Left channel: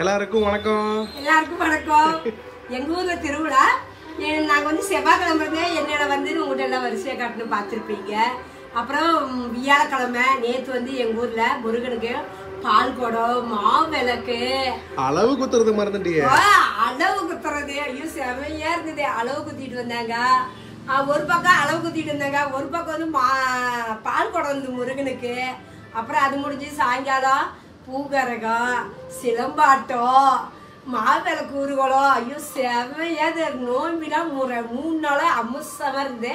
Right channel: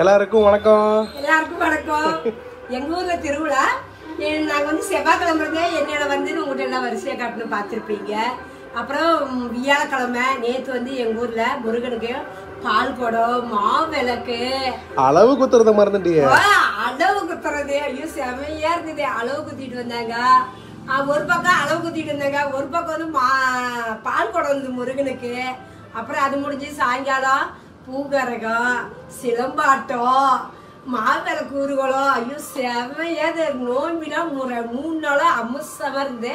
எல்லாருக்கும் வணக்கம். எல்லாருக்கும் வணக்கம். எங்க ஊர்ல திருவிழா. நாங்க வந்து செவ்வாய்க்கிழமை என்னோட வந்து உங்கள்கிட்ட எல்லாம் வரிசையா காட்டுன்னு பார்த்துருப்பீங்க. அப்புறம் வியாழக்கிழமை நேற்று வந்து எங்க ஊர்ல முருகனுக்கு பால் குடம், மாவிளக்கு, அளவு குத்துறத மறந்துட்டியே. அளவு குத்துறது ஐயோ செமையா இருந்தது. அளவு குத்திட்டு வந்தாங்க. ஒரு பக்கம் அளவு குத்திட்டு வந்தாங்க, ஒரு பக்கம் வந்து பால் குடம் வந்து முருகனுக்கு. அப்புறம் அது முடிஞ்சு சாயங்காலம் பூகரகம், சிலம்பாட்டம், மாவிளக்கு ஊர்வலம். ஐயோ செமையாது. நோம்பிலாம் 3 நாளா அம்சமா இருந்து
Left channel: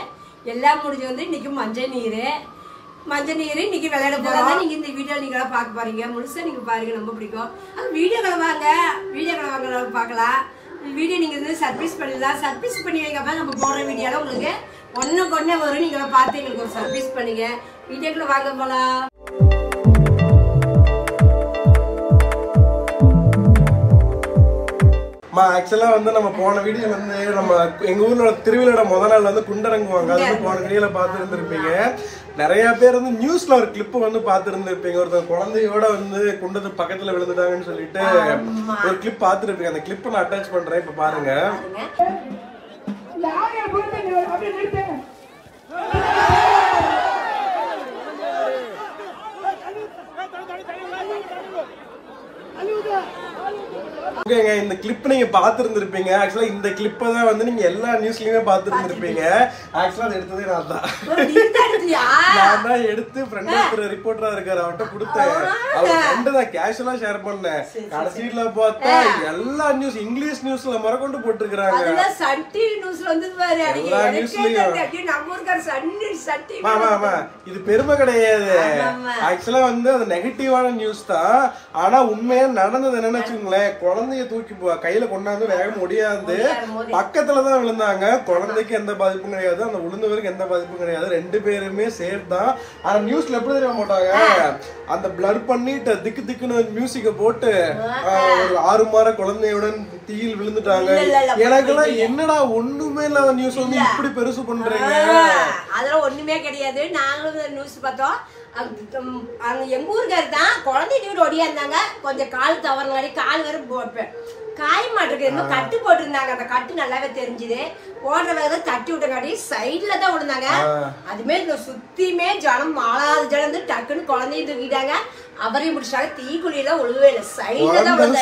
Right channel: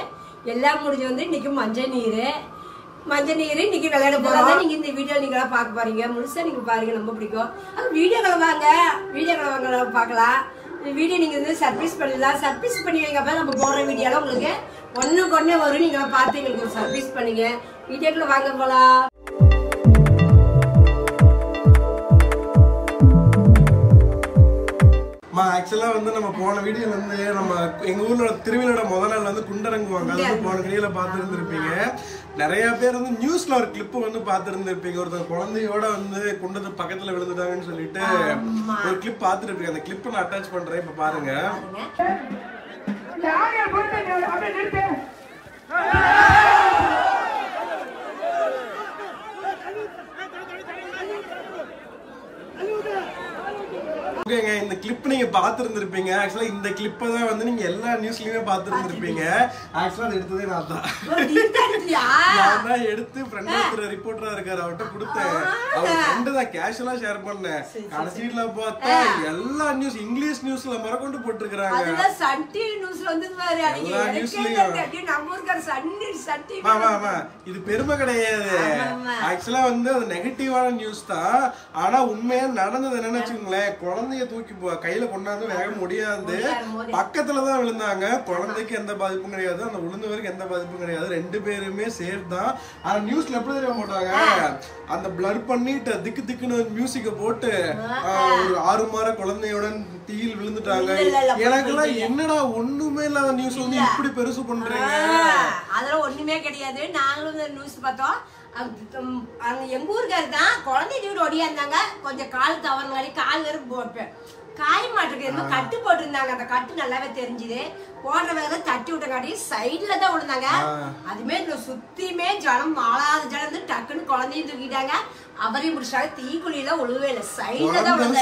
எல்லாம் முடிஞ்சு வந்து இன்னைக்கு மஞ்சள் நீர் இன்னைக்கு விளையாட போறோம். நீங்க இந்த வீடியோ நீங்க பார்க்க போறீங்க. முழுசா நீங்க பாருங்க, ரொம்ப பிடிக்கும். அது வீடியோக்களை வாங்க பார்க்கலாம். வீடியோ நீங்க வந்து சர்ப்ரைஸ் பண்ணிடலாம். சர்ப்ரைஸ் பண்ணி வைக்கப்ப நம்ம போடுற வீடியோலாம் உங்களுக்கு ஒன்னுக்கு வரும். நீங்க பார்த்து எங்களுக்கு ஒரு சர்ப்ரைஸ் பண்ணுங்க. வீடியோக்குள்ள வாங்க போலாம். ஆக்சுவலா வந்து நம்ம போன வீடியோ வந்து நம்ம எங்க ஊர்ல திருவிழாவோட முதல் நாள் வந்து குண்டரங்குவாங்க. அது வந்து போன வீடியோல பார்த்து இருந்திருப்பீங்க. நிறைய பேர் வந்து நியூஸ்ல ஒரு கிளிப் வந்து பார்த்து இருந்திருப்பீங்க. ஒருத்தர் குழந்தையோட வந்து குண்டது பக்கத்துல விழுந்துட்டாங்கன்னு சொல்லிட்டு ஒரு கிளிப் பார்த்துருப்பீங்க. அந்த கிளிப் நான் அட்டாச் பண்றேன், இப்ப பாருங்க. ஓகேங்க, இந்த கிளிப் நீங்க பாத்துருந்துருப்பீங்க. ஆக்சுவலா இந்த கிளிப்பை தான் வந்து நீங்க எல்லா நியூஸ்லயுமே பாத்துருந்துருப்பீங்க. ஆக்சுவலா அது எடுத்ததே நான் தான் எடுத்து ஃப்ரெண்ட் ஒருத்தர் ரிப்போர்ட்டரா இருக்காரு, அவர்கிட்ட கொடுத்தேன். அவர் ஃப்ரெண்டு தான் கேஷுவலா ஷேர் பண்ணேன். கடைசியில பார்த்தா எல்லா நியூஸ் இங்கிலீஷ் நியூஸ்ல மறக்கொண்டு போட்டுருக்காங்க. எல்லா நியூஸ்லயும் இது பெருமை கிடையாது. ஆக்சுவலா வந்து அது நெகட்டிவான நியூஸ் தான். ஆனா உண்மையா நடந்தது என்னன்னு வச்சுக்கோங்களேன், குழந்தைய தூக்கி கையில கொண்டாந்து வேக முடியாது, பக்கத்துலதான் விழுந்தாங்க. குழந்தைக்கு எந்த பாதிப்பும் கிடையாது, அந்த விழுந்தவருக்கு எந்த பாதிப்பும் கிடையாது. 2 பேருமே சேஃப் தான். ஆனா நியூஸ்ல எப்படி தெரிய மாட்டாங்க, அந்த பிளர் பண்ணிட்டு திக்கு திக்குன்னு மியூசிக்க போட்டு ஒரு 6 மாத குழந்தையுடன் தீயில் விழுந்துட்டாங்க. எனக்கெல்லாம் என்னடா ஒண்ணுமே இல்லாத நியூஸ் வந்து இப்படி பெருசு பண்றீங்க. அதெல்லாம் ஒண்ணுமே கிடையாது. நாங்களும் நியூஸ் பார்த்தோம். எங்க ஊருக்காரு தான் குழந்தை வீடு ஒடியா இருந்தாங்க. கொஞ்சம் கால் தவறுனாடி கால் வேற போட்டேன், காய் மாட்டுக்கு இன்னும் கட்டு போட்டுருந்தாங்க. அந்த கட்டு நல்லாவே தெரிஞ்சுது. போடுற வேலை தட்டி விட்டங்காட்டி சைட்ல தான் விழுந்தாங்க. அதுமே இந்த சுத்தியுமே ஜனம் மாளாத ஜனம் வந்து டக்குன்னு குழந்தைய தூக்கிட்டாங்க. அவரையும் முடிச்சாங்க. தீக்குழியில ஒழுவே இல்லை,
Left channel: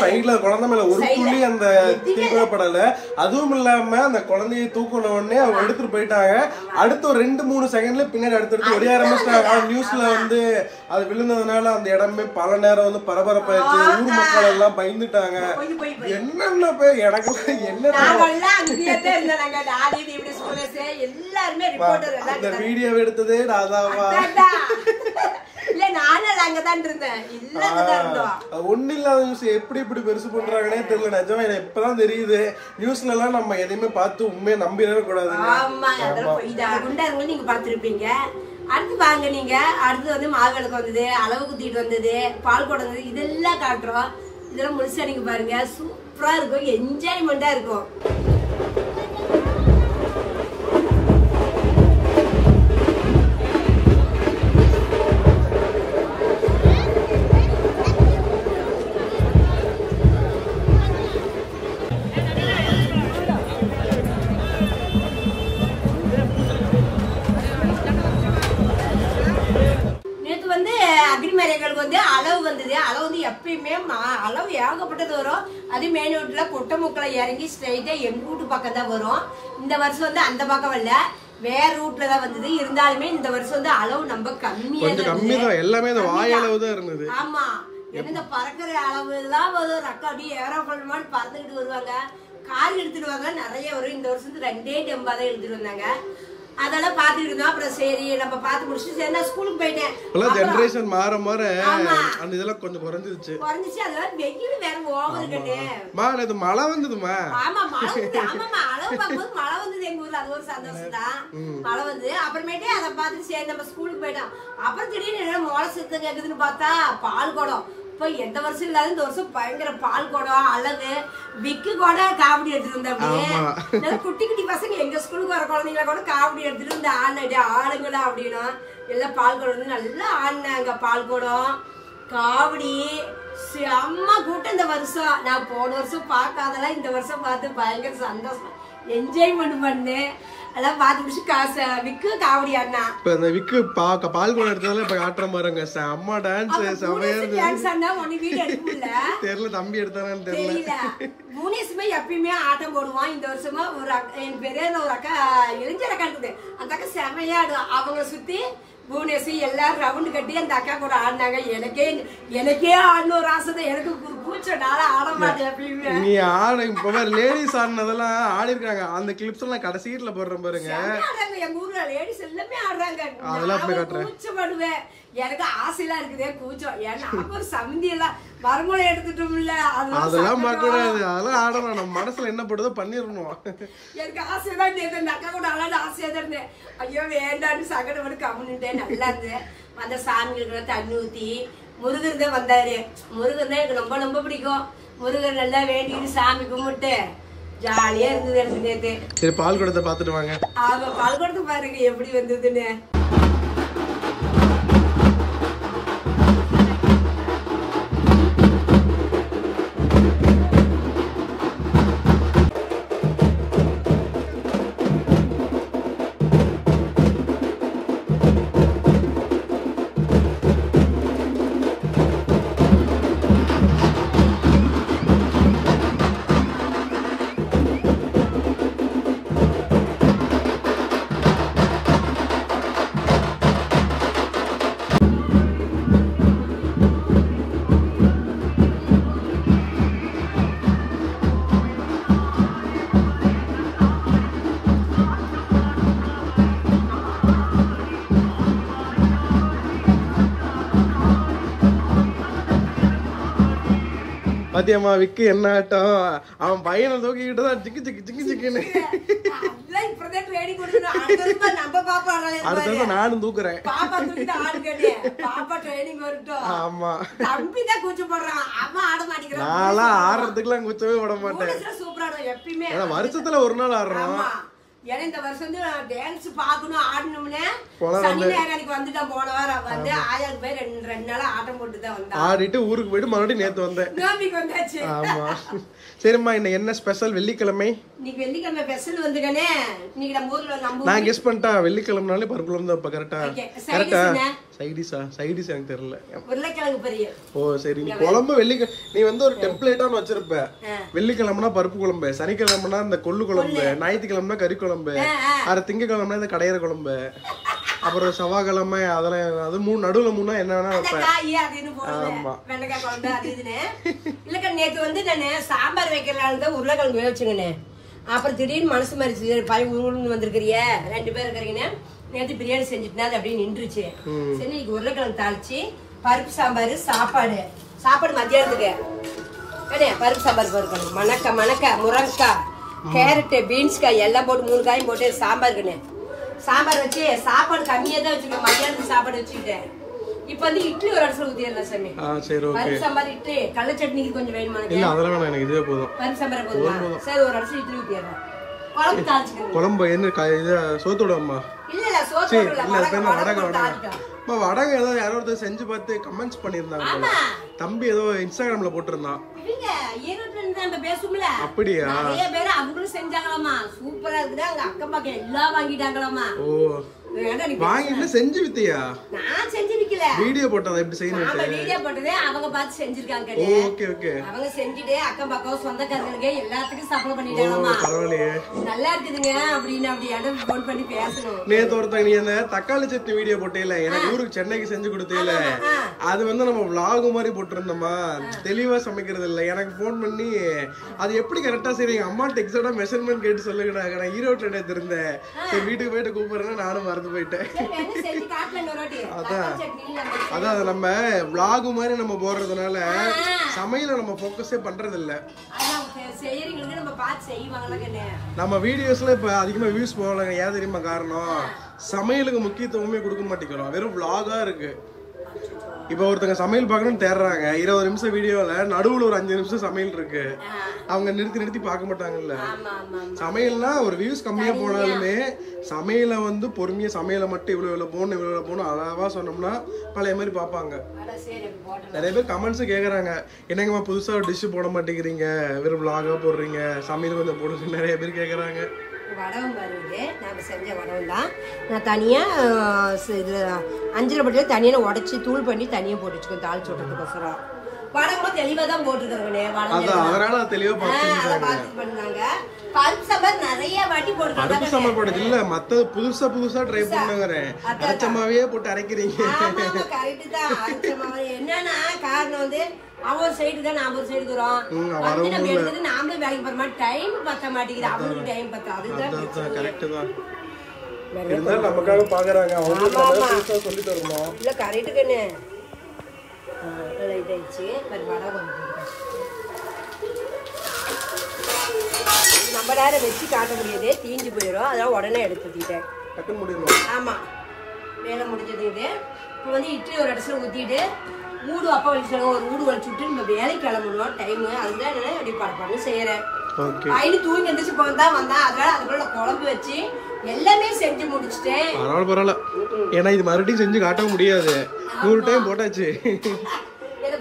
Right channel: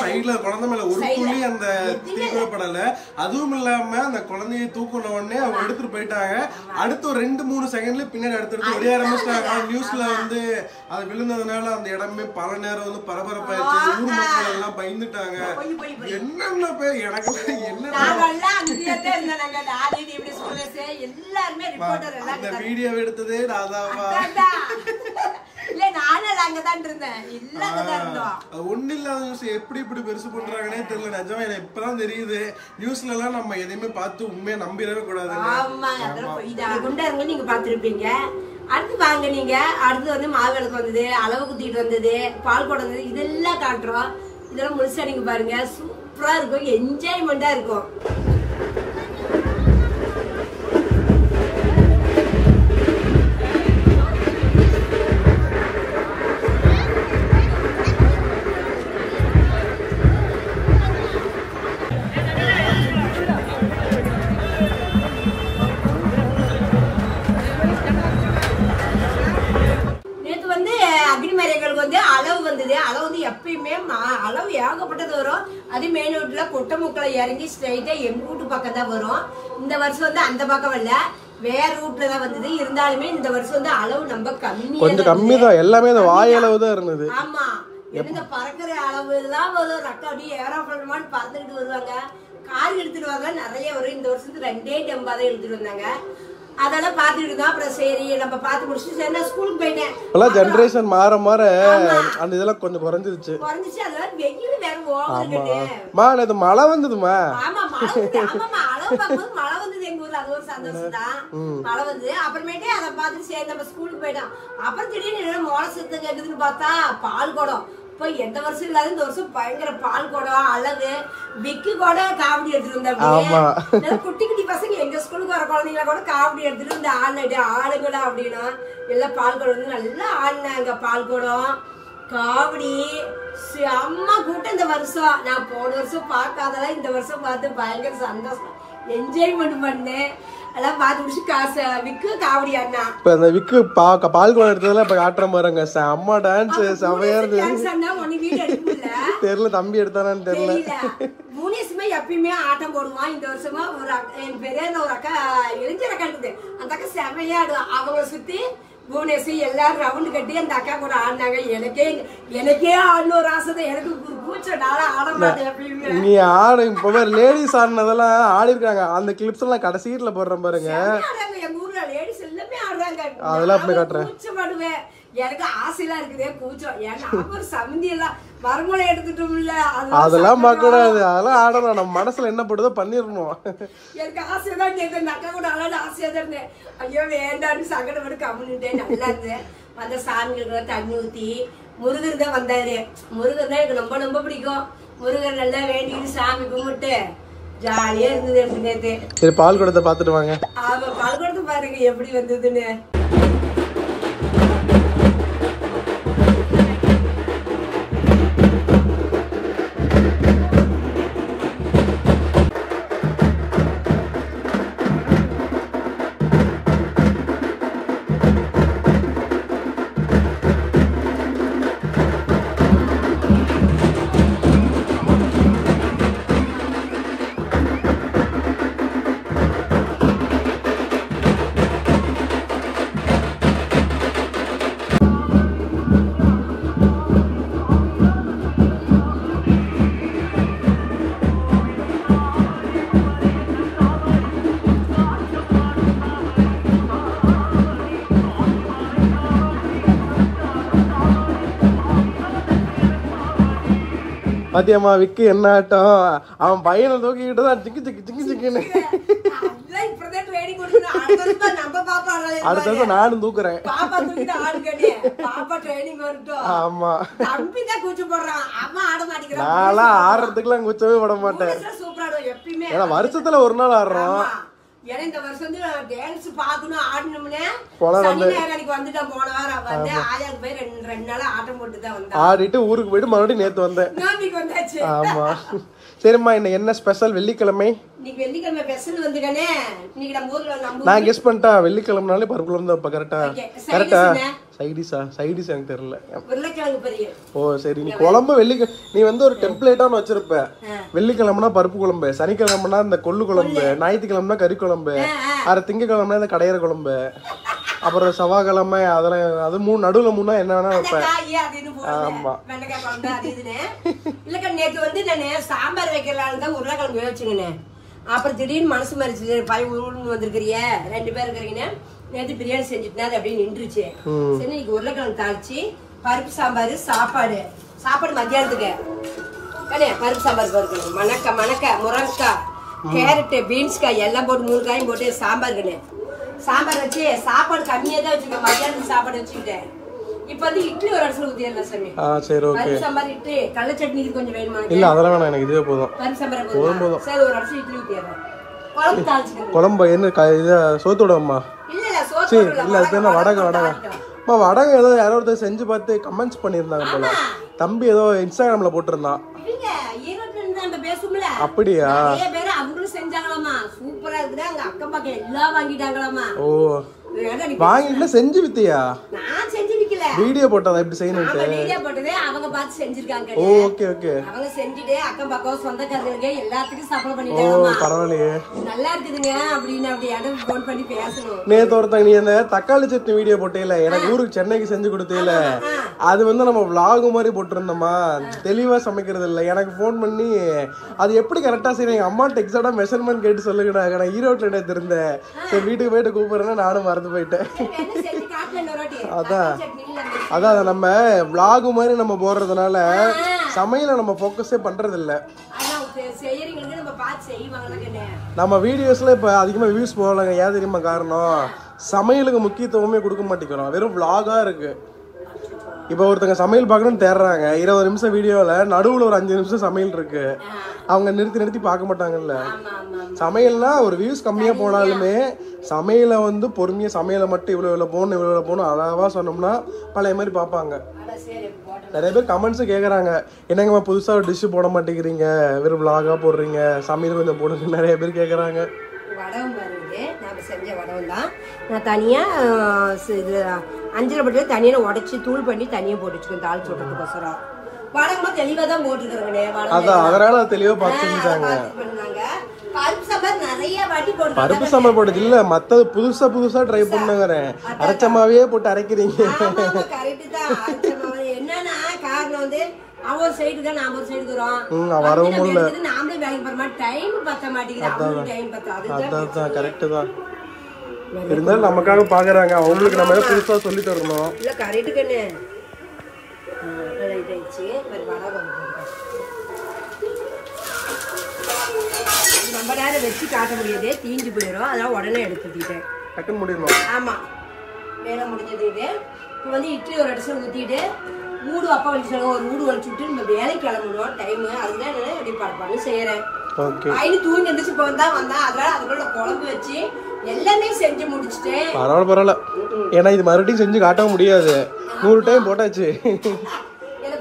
சைட்ல குழந்தை மேல ஒரு துளி அந்த தீக்குழப்படல. அதுவும் இல்லாம அந்த குழந்தைய தூக்குன உடனே அவங்க எடுத்துட்டு போயிட்டாங்க. அடுத்து ஒரு 2-3 செகண்ட்ல பின்னாடி அடுத்து ஒடிய ஆரம்பிச்சிட்டாங்க. நியூஸ்ல வந்து அது விழுந்ததுனால அந்த இடமே பல நேரம் வந்து பரபரப்பாயிருச்சு. ஊர் மக்கள் எல்லாம் பயந்துட்டாங்க. என்னென்ன பேர் எனக்கு அந்த வீடியோ எடுத்ததே ராதாவா ஒண்ணு இல்லாத நியூஸ் எப்படி இப்படி பெருசு பண்றாங்கன்னே தெரியல. நிஜமா எனக்கு இப்பதான் தெரியுது. நியூஸ்ல எல்லாம் நம்ம எதையுமே பார்த்து உண்மையை நம்பிடவே கூடாது. நீங்க பாத்துருப்பீங்க. அடுத்து வாங்க, நீங்க அடுத்து வந்து மாவிளக்கு வந்தது, அளவு குத்திட்டு வந்தது, பால் குடம் வந்தது, இதெல்லாம் காட்டுறோம். இதெல்லாம் முழுசா நீங்க பாருங்க. சூப்பரா இருக்கும், என்ஜாய்மெண்டா இருக்கும். வந்து அளவு வந்தது. அளவு வந்து எப்பயுமே அளவு ஏகப்பட்டது வரும். அது மெயின் ரோட்ல கொட்டை முக்களை இறங்கி ஸ்ட்ரைட்டா எங்க வீட்டு பக்கம் தான் வரும். இந்த வருஷம் வந்து அந்த பக்கம் இல்ல, வேற ரூட்ல தான் வந்தது. இருந்தாலுமே இந்த வருஷம் வந்து அளவு நம்ம கொஞ்சம் கம்மி தான். எல்லாமே வாயளவு தான் இருந்தது. ஆமா, இந்த பறக்கிற அளவு எல்லாம் வரும். ரக்க அப்படியே ஏரோப்ளேன் பறந்துட்டு வருவாங்க. கார் எடுத்துட்டு வாங்க நிறைய வரும். இந்த வருஷத்துக்கு 2 டெம்பா தான் எடுத்துட்டு வந்தாங்க. அதெல்லாம் பாத்துட்டு இருந்தோம். அப்புறம் சரி நம்ம பாத்து முடிச்சுட்டு சரி நான் ஸ்கூலுக்கு போயிட்டேன். ஜெனரேஷன் மாற மாற அந்த இதெல்லாம் கொஞ்சம் குறைஞ்சிருச்சு. அதனால வெயில் வேற ஓவருக்குது. இது மழை வந்ததுமா. ஆமா மழை அளவு பார்க்கும்போது மழை வந்தது எங்க ஊர்ல. அது ஒரு சந்தோஷம் தான். மழை வந்து அப்புறமேட்டே அதை பார்த்து சரி நம்ம ஸ்கூலுக்கு போயிட்டோம். அப்புறம் திடீர்னு மோள சுத்தம் கேக்குதுன்னு பார்த்தா பால் குடம். எந்த வருஷம் இல்லாத இந்த வருஷம் பயங்கர பால் குடம், அளவு விக்கு கூட காவடி எடுத்துட்டு இருந்தா. குட்டி குட்டி பசங்க எங்க ஸ்கூலுக்கு வர குழந்தைங்கள கூட காவடி எடுத்துட்டு இந்த ஆளுங்களா அப்படின்னா எல்லாம் பால் குடம் நல்லா ஆடினாங்க. பால் குடம் காவடி அம்மா கூட்டம் இந்த வருஷம். நான் போன வருஷம் பார்க்காதெல்லாம் இந்த வருஷம் பார்த்து பயங்கர சந்தோஷம், என்ஜாய்மெண்ட் பண்ணேன். எல்லாம் பார்த்து முடிச்சு காசு விக்கு காவடி அண்ணா. இப்ப அந்த விக்கு பால் குடம் எடுத்ததெல்லாம் இப்ப காட்டுற பாருங்க. அம்மா டான்ஸ் செமையா இருக்கு. தெரியல தம்பி எடுத்தானான்னு தெரியல. புவனேஸ்வரமா எப்பயுமே ஆட்டம் போடுவான். இந்த வருஷமா ஒரு என் பெரிய ஒரு அக்கா இளைஞர் அக்கா இருக்குது. அந்த அக்கா செமையா ஆடுவான். அவங்கள சுத்தி புவனேஸ்வரி எல்லாரும் ரவுண்டு கட்டி அந்த அக்கா கூட ஆடினாங்க. எனக்கே ஆடணும் ஒரு ஆசை. எனக்கு பூச்சனால ஆட மாட்டேன் எப்பயுமே. நீ ஆடு இப்ப லேடிஸ் ஆடினதெல்லாம் ஆடி இருக்காங்க. அந்த கிளிப்ஸ் எல்லாம் கடைசியில போடுறேன் பாருங்க. எங்க ஊர்ல லேடிஸ் எல்லாமே ஆடுறாங்க. அதெல்லாம் போய் காட்டுறேன். கூச்சப்படுவேன். எனக்கு ஆசையெல்லாம் இருக்குதே கூச்சம். ஏன்னா ஒரு சமந்தி எல்லாம் மரமூளை எடுத்துட்டோம்ல, அதெல்லாம் பார்க்க கூடாது. அதெல்லாம் ஆடணும். நம்ம மனசுல என்ன போடுதோ பண்ணிடணும். எனக்கு ஆசைதான் கேட்க அக்கா கூட ஆளாட ஆசையா தான் இருந்தேன். ஐயோ வேண்டான்னு சங்கடப்பட்டு கம்முன்னுட்டேன். நல்லா இருந்தேன். வந்த சாமிகளுக்கு தண்ணி ஊத்தி முருகர் தான் வந்தாரு. முருகர் தான் எனக்கு ரொம்ப ரொம்ப பிடிக்கும். முருகர் நல்லா வேண்டிட்டு சாமி கும்பிட்டு ஜாலியா இருந்தது நேத்து. சரி பால் குடத்தை பாத்துட்டு வாங்க. ஆமா பால் குடத்தை பாருங்க எப்படி வந்ததுன்னு. பாத்தியம்மா விக்கு என்ன ஆட்டம். அவன் பையனை தூக்கிக்கிட்டு தான் சிக்கு சிக்கு சிக்கு சிக்குன்னு. அடுத்த நானும் தூக்குறேன். ஆமா நான்லாம் ஆடுறதுக்குலாம் குச்சவே விட மாட்டேன். ஏன்னா வருஷத்துல ஒரு நாள் ஆடுறோம். ஏன்னா இந்த வருஷம் வந்து டான்ஸ் பாக்கணும் ஆடணும்னு சனிஞாயிறு வந்துட்டான். போன வாரம் வந்து ஆயாக்கு போய் ரெண்டு நாளா ஆட்டம் போட்டுதான் வந்தேன். ஆடிட்டு ஊருக்கு போயிட்டு மறுபடியும் நேத்து வந்தேன். வந்தாச்சு. ஆமா சரிம்மா இன்னைக்கு என்ன ஸ்பெஷல்? வெள்ளிக்கிழமை. இன்னைக்கு வெள்ளிக்கிழமை ஸ்பெஷல் வந்துக்கனே. இன்னைக்கு நம்ம ஊர்ல நான் கெஸ் பண்ணிட்டா வெள்ளிக்கிழமைனாலே பருப்பு குழம்பு தான். கரெக்டா கரெக்டா. சைடிஸ் எனக்கு தெரியல. உருளைக்கிழங்கு பொரியல். ஓ சரி. நீ குழம்பு நீ வந்து ஒரு டெம்ப்ளேட்டான்னு வச்சிருப்ப. வெள்ளிக்கிழமைனா பருப்பு குழம்பு, சனிக்கிழமைனா இந்த கொள்ளு குழம்பு, ஞாயிற்றுக்கிழமைனா கறி குழம்பு, கத்திங்கக்கிழமைனா இந்த கடையிற குழம்பு, அப்புறம் செவ்வாய்க்கிழமை அதெல்லாம் அது நடுவுல மூணா என்ன வேணா வைப்பேன். ஆமா இல்லக்கா நேத்து வந்து நானு சாம்பார் வைக்கிறதுதான் உருளைக்கிழங்கு வச்சுக்கணேன். அப்புறம் திடீர்னு மனசு மாறிச்சு. பையன் ஊருக்கு வந்திருக்கிறிய 2 பேர் இருக்கிறீங்கன்னு நேற்று பிரியாணி செஞ்சுட்டுனா அது அப்படியே நின்றுச்சு. சரி இன்னைக்கு உருளைக்கிழங்கு தாளிச்சு பருப்பு சாம்பார் சாப்பாடு மத்தியானத்துக்கு பருப்பு சாம்பார் போயிருக்கணும். மணக்க முருங்கைக்காய், கேரட், பீன்ஸ்காய் எல்லாம் போட்டு 3 காயும் போட்டு சாம்பார் சாம்பார் வச்சு சாப்பாடு கம்மியா தான் வச்சுக்கேன். மத்தியானத்துக்கு சாப்பாடு வச்சுக்கிட்டேன். இப்ப வந்து இட்லி ஒரு இடத்துல ஊத்திடலாம் சாமி. பருப்பு சாம்பார் இட்லி கடலை சட்னிக்கு கொஞ்சம் வேணுமா? இல்ல அதெல்லாம் வேணாம் எனக்கு இதுவே போதும். பருப்பு சாம்பார் போதும். சரி ஒரு இடத்துல இட்லி ஊத்திடுறேன். குழம்பு தாளிச்சுக்கணும். குழம்பு என்ன சோத்தோடம்மா? இல்ல சோத்து இல்ல அது பேர் வடகை. வடகை ஏதோ யாரோ ஒருத்தர் செஞ்சு பார்த்து கமெண்ட்ஸ் பண்ணிருந்தாங்க போல. தம்பி ஏதோ இன்ஸ்டாகிராம்ல போட்டிருந்தான். அப்படியா? அவங்களும் செஞ்சாங்களாமா. சூப்பரா இருக்குது. அங்க அக்கம் பக்கம் எல்லாம் வாங்கிட்டாங்களாமா. ஓ வாங்கிட்டு செஞ்சு வித்தியா? நான் செஞ்சு விக்கல. வீடியோ போட்டதா இப்படி செய்யணும். வீடியோ போட்டதே அவங்க பார்த்து செஞ்சிருக்காங்க. Okay okay. அவங்க செஞ்சிட்டு அக்கம் பக்கம் சொந்தக்காரங்களுக்கு எல்லாத்துக்கும் சப்ளை பண்ணிட்டாங்களாமா. பரவாயில்லையே. நல்லா இருக்குதுங்க அப்படின்னு அப்படியே ஃபோன் பண்ணி பேசணும். நேத்து ஒருத்தங்க நீ அந்த தக்காளி சட்னி வீடியோ போட்டேல, எனக்கு ஊருக்கு சென்னைக்கு செஞ்சு கொடுத்தேல, அது வந்து நம்ம vlog மாதிரி போட்டுருந்தோமா, தெளிவா சமைக்கிறது இல்ல. எனக்கு ஃபோன் பண்ணி அது எப்படி கரெக்டா செய்றீங்க அம்மாட்ட எக்ஸாக்ட்டா மெஷர்மென்ட் கேட்டு சொல்லுங்கடா. நான் ஈரோட்ல நேத்து இருந்தேன். சரி வீட்டுக்கு போயிட்டு கூப்பிடுறேன்னா நானும் மறந்து போயிட்டேன். அதான் நம்ம vlog மாதிரி நம்ம போடுறதுனால சமையல நம்ம ஃபோக்கஸே பண்றது இல்ல. நம்ம வீடியோஸ்ல இப்ப அதிகமா வியூஸ் போகலங்க. ஏன் தெரியுமா காரணம்? சமையலுக்கு முக்கியத்துவமே கொடுக்க மாட்டேங்கிறோம். வெறும் vlog-ஆ இருக்கு. இப்ப ஒருத்தங்க சமையல் பார்க்கணும்னு தேடுறாங்க, 20 நிமிஷம் வீடியோல நடுவுல ஒரு 5 நிமிஷம் சமையல் இருக்கு, அவங்க நிறுத்தி பார்க்க மாட்டாங்கல்ல. சமையல்னா ஒரு வியூஸ் கம்மியா போனாலுமே சமையலை வந்து பொறுமையா சமையலை மட்டும் இவ்வளவு போகணும் அளவா சொன்னோம்னா பழைய மாதிரி பார்ப்பாங்க. நிறைய பேர் கமெண்ட்ஸ் கேக்குறாங்க, என்னங்கம்மா புதுசா ஒரு டிஷ் போட மாட்டேங்கிறீங்க, வெறும் vlog-ஆ போடுறீங்க, சமையல் கொஞ்சம் போடுங்க, நிறைய பேர் கேக்குறாங்க. வடகம் வருது, நாங்கள் செஞ்ச வடகம் தான். நான் தனியாக இது அஞ்சில் பட்டு தனியாக உடச்சி தூள் பண்ணி தனியாக போட்டு வச்சுக்கோங்க தாளிச்சு விட்டதுக்கோசரம். வடகம் தெளிவாக தான் போட்டுருக்காங்கண்ணே. அதான் அதனால தெளிவா பார்த்துட்டாங்க. பருப்பு சாம்பார் நிறைய வாட்டி போட்டு, பருப்பு சாம்பார் போட்டது இல்ல, மத்தது புதுசா ட்ரை பண்ணுங்கிறேன். அரைச்சமாவே போட்டு அரைக்கிறீங்க. கரெக்ட் தான். என்னன்னா காரணம் வந்து அவங்க ஒரு சைடு தான், நாம ஒரு சைடு தூரம் வரவும் இல்ல, நாமளே வேலைக்கு போற மாதிரி டைம் பத்த மாட்டேங்குது, அவங்களுக்கு டைம் பத்தாது. அதான் கரெக்ட் தான். இருந்தாலும் நமக்காக பாக்குறாங்க, அவங்களுக்கு நம்ம புதுசா சொல்லி தரணும். இல்ல கரெக்ட் கண்ணு. இதாயிடுச்சு வடகம் நம்ம நேரம் வச்சு காட்ட முடியாது, தீஞ்சு போயிடும், அதெல்லாம் உடனே எடுத்துட்டேன். டக்குன்னு முடியணும். ஆமா வேலை முடிஞ்சது. இது இப்போ வந்து இட்லி ஒரு இடத்துல ஊற்றிட்டு ஊடு அப்பா வலிச்சு ஒரு ஊடு வலிச்சுட்டு நம்ம வேலைக்கு கிளம்பணும் டைமு, அதுதான் எப்படி படப்பாடு செய்யறேன். பையனு தூங்கி எந்திரிச்சு போதான் வந்தேன், அதனால அதுக்குள்ள குழம்பு வச்சு எல்லாமே செஞ்சு முடிச்சுட்டேன். பரவாயில்ல, ஏன்னா இது மறுபடியும் செஞ்சு காட்டவும் முடியாது, 100 டைம் போட்டாச்சு.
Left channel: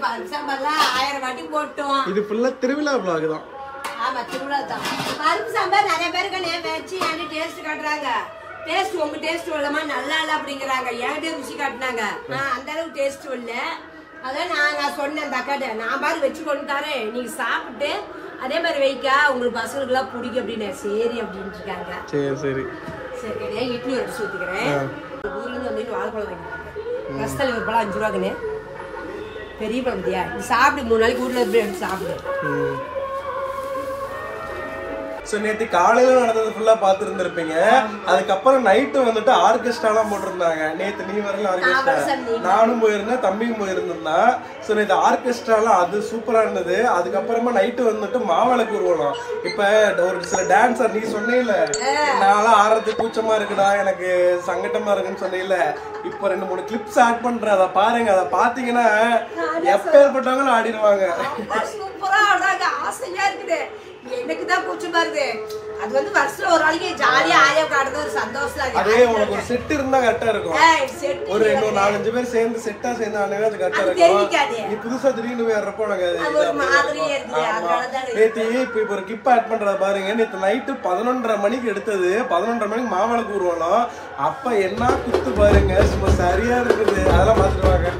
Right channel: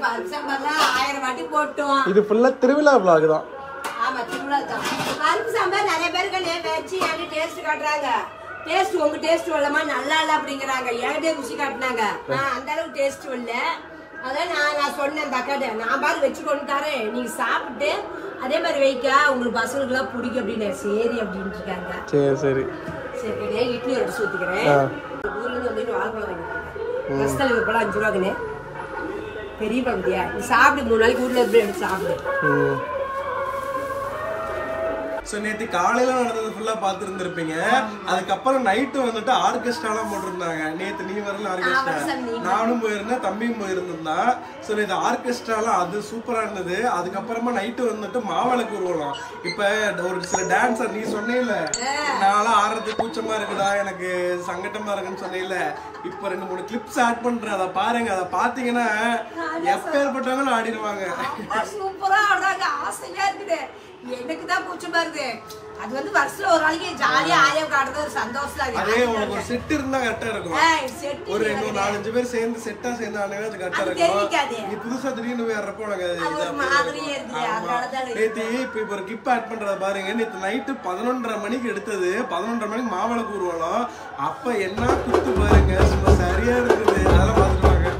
பருப்பு சாம்பார்லாம் 1000 வாட்டி போட்டோம். இது ஃபுல்லா திருவிழா vlog தான். ஆமா திருவிழா தான். பருப்பு சாம்பார் நிறைய பேருக்கு வச்சு எனக்கு டேஸ்ட் காட்டுறாங்க, டேஸ்ட் உங்க டேஸ்ட் வரலாமா நல்லா இல்ல அப்படிங்கிறாங்க, என்கிட்ட ருசி காட்டினாங்க. அந்த அளவுக்கு டேஸ்ட் இல்ல, அதான் நான் சொன்னேன் அந்த அக்காட்ட, நான் பாரு வச்சு கொண்டு தரேன், நீங்க சாப்பிட்டு அதே மாதிரி வைக்கா உங்களுக்கு பசங்களுக்கு எல்லாம் பிடிக்கும் அப்படின்னு. சரி அப்படின்னு இருக்காங்க. சரி சரி இட்லி ஒரு டிஷ் ஊத்திக்கிறேன். ஊர்ல இருந்து வந்து வாழைப்பழம் வாங்கிட்டாங்க, ரசத்தல் ஒரு பழம் 5 ரூபாக்குன்னு பெரிய பகுதியா, நீ சாப்பிடு 3 நாளைக்கு ஊர்ல எப்படி எடுத்து சாப்பிடு. சோ நேத்து காலையில நடந்தது ஃபுல்லா பாத்துருந்துருப்பீங்க. அதுக்கப்புறம் நைட்டு வந்துட்டு ஆர்கெஸ்ட்ராலாம் போட்டிருந்தாங்க. நேத்து நீ வரல ஆர்கெஸ்ட்ரா, நானும் போயிருந்தேன், தம்பியும் போயிருந்தான். சோ நேத்து ஆர்கெஸ்ட்ராலாம் அது சூப்பரா இருந்தது. அதுக்கப்புறமா நைட்டு வந்துட்டு மாவிளக்கு ஊர்வலம். இப்ப ஒரு சில டான்ஸர் நீ சொன்னீல நான்லாம் ஆடுறதுக்கு கூச்சமா இருக்குடா, எனக்கு சங்கட்டமா இருக்குன்னு சொன்னீல, இப்ப 2-3 கிளிப்ஸ் ஆட் பண்றேன், அதை பாருங்க. அதை பாத்தீங்கன்னா எப்பேற்பட்டவங்களும் ஆடிடுவாங்க. சூப்பரா ஆடாங்க, ஆசையா இருக்குது. எனக்கு தான் கூச்சமா இருக்கு, அது வந்து வருஷத்துல ஒரு நாளைக்கு ஜாலியா ஆலியா காட்டுறது ஒரு சந்தோஷம். அதே உனக்கு ஒரு செட் இருந்தா கரெக்டா இருக்கும், ஒரு 4-5 பேர் சேர்ந்து செட்டா சேர்ந்து ஆனவே அது கரெக்டா இருக்கும். நீ புதுசா திடீர்னு வேறப்போ உனக்கு நேத்து இப்ப ஒரு கிப் ஆட் பண்றத பாருங்க. நேத்து நைட்டு 11:30 மணிக்கு எடுத்தது, 11:30 மணிக்கு மாவிளக்கு ஊர்வலம். அப்ப என்ன குத்து பாருங்க, சும்மா சரியா இருக்குது. அதெல்லாம் பாத்துருவாங்க.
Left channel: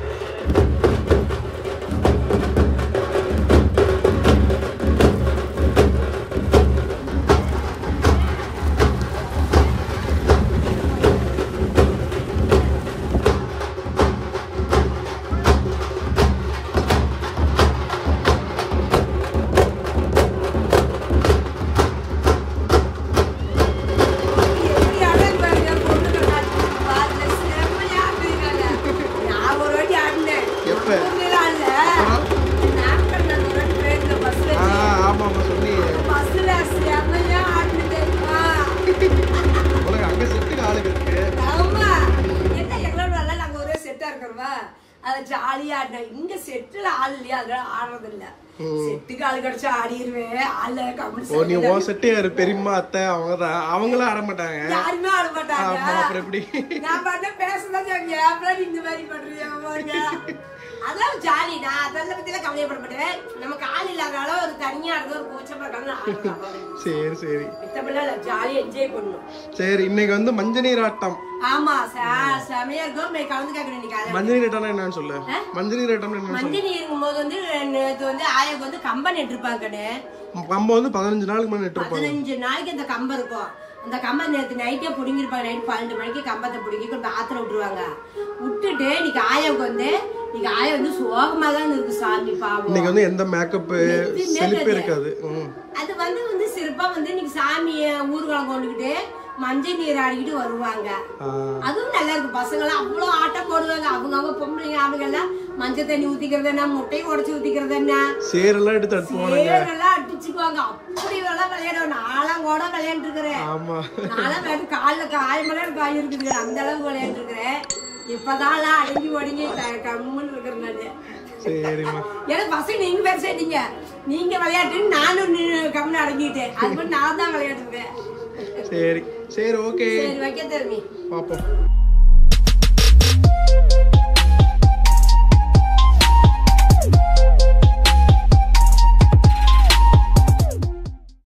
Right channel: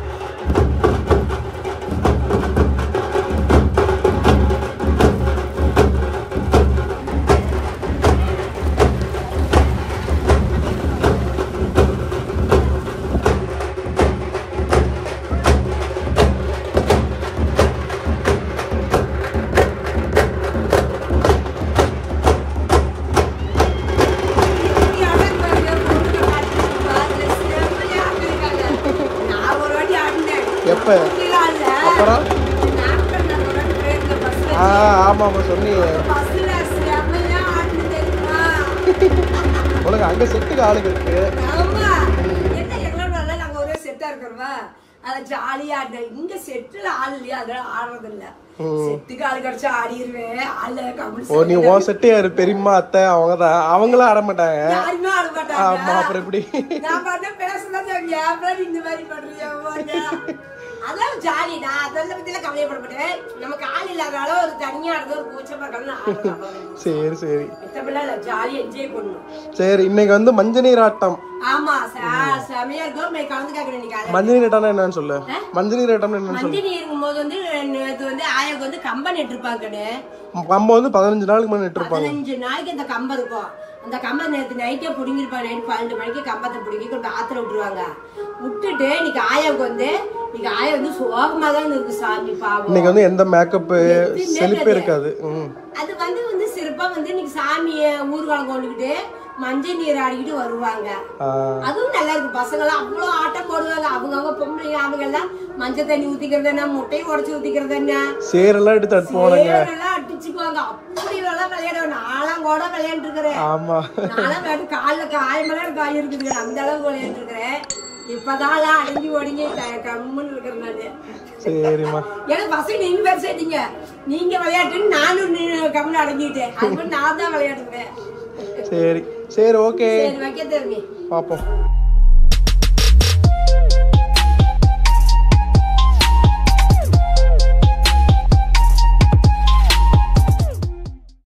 உனக்கு அங்க செட்டுக்கு ஆளுங்க இருக்கு, நாங்க ஒரே செட்டா இருக்கிறோமா, அத ஜாலியா ஆடுறேன். இங்க செட்டுல ஆள் இல்லையா, அதனால ஆடுறது இல்ல. செட்டுக்கு ஆளு கிடைச்சா ஆடிடுவேன். ஆளு நீ உன் செட்டு யாரு, பெரியம்மா அத்தை அவங்கதான், அவங்களும் ஆட மாட்டாங்க, யாருமே ஆட மாட்டாங்க. ஆமா அப்புறம் எப்படி நான் பண்ண பேசதான் இந்த மாதிரி பண்றீங்க, அதான் ஜாலி. நான் அதெல்லாம் பத்தி எல்லாம் கவலைப்பட மாட்டேன். நமக்கு ஆள் இல்லாதால ஒரு தனியா இருக்க ஒரு கோச்சமா இருக்கணும். சரி சரி ஜாலியா என்ஜாய் பண்ணணும். சரி இன்னைக்கு வந்து மஞ்சள் நீர் ஆட்டம். ஆமா செமையா இருக்கும். கலந்து கேட்கறேன். மஞ்சள் நீர் ஆட்டம்னா என்னன்னு சொல்லு. மஞ்சள் நீர் ஆட்டம் என்ன? மஞ்சள் நீர் இருக்கும்போது வந்து இது வந்து ஆயாக்கு வந்து கம்பம் நெட்டிருப்பாங்க. கம்பம் வந்து 15 நாளுக்கு முன்னாடி நெட்டிருப்பாங்க. 15 நாளைக்கு அந்த கம்பம் இருக்கும். அந்த கம்பம் நேற்று நைட்டே புடுங்கிருப்பாங்க. நைட் 12 மணிக்கு கம்பத்தை புடுங்கி கொஞ்சம் ஆத்துல விட்டுருவாங்க. விட்டுட்டு இன்னைக்கு ஆயாவுக்கு வந்து ஆயா வந்து சோகமா தான் இருக்கு. சாமி பாவம், இன்னைக்கு வந்து எந்த மேக்கப் செலிப்பே இருக்காது. அது வந்து சிறப்பா வந்து இன்னைக்கு சாமிய ஊர்வலம் கொண்டுகிட்டு மஞ்சள் நீர் ஆடிக்கிட்டு வருவாங்க. அதுவும் நல்லா இருக்கு. பசங்க எல்லாம் அவ்வளவு ஆட்டம் போடுவாங்க. அவங்க பொம்பளைங்க அவங்க எல்லாம் மஞ்சள் தண்ணி ஊத்திக்கிறது என்ன, முட்டையை உடச்சு ஊத்திக்கிறது என்ன, சேரெல்லாம் எடுத்து சேரெல்லாம் அடிச்சுக்குவாங்க. அப்படி எல்லாம் விளையாடுவாங்க. நாலாம் கூட விளையாண்டு இருக்கிறேன். ஆமா, நானும் காலில் காயமெல்லாம் காய் இருக்குது. அந்த அளவுக்கு விளையாண்டு இருக்கிறேன். இப்பதான் அடங்கி ஒடுங்கி கம்முன்னு இருக்கிறனால. சரிம்மா. ஏன்னா பசங்க நீங்க பெருசாயிட்டீங்க, நீங்க விளையாட்டுன்னு நானும் கம்முன்னு அடங்கிட்டேன். அது நான் தான் விளையாடுவேன். சரி சரி ஓகே வைக்க தெரியும் பாப்போம்.